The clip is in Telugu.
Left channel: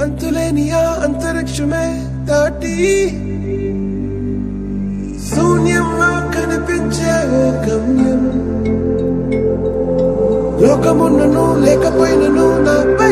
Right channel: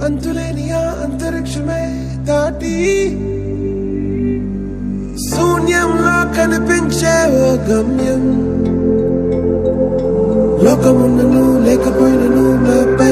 అంతులేని ఆ అంతరిక్షమే దాటి శూన్యంలో కనిపించే ఓ గమ్యం. లోకమున్నను లేకపోయినను నాపై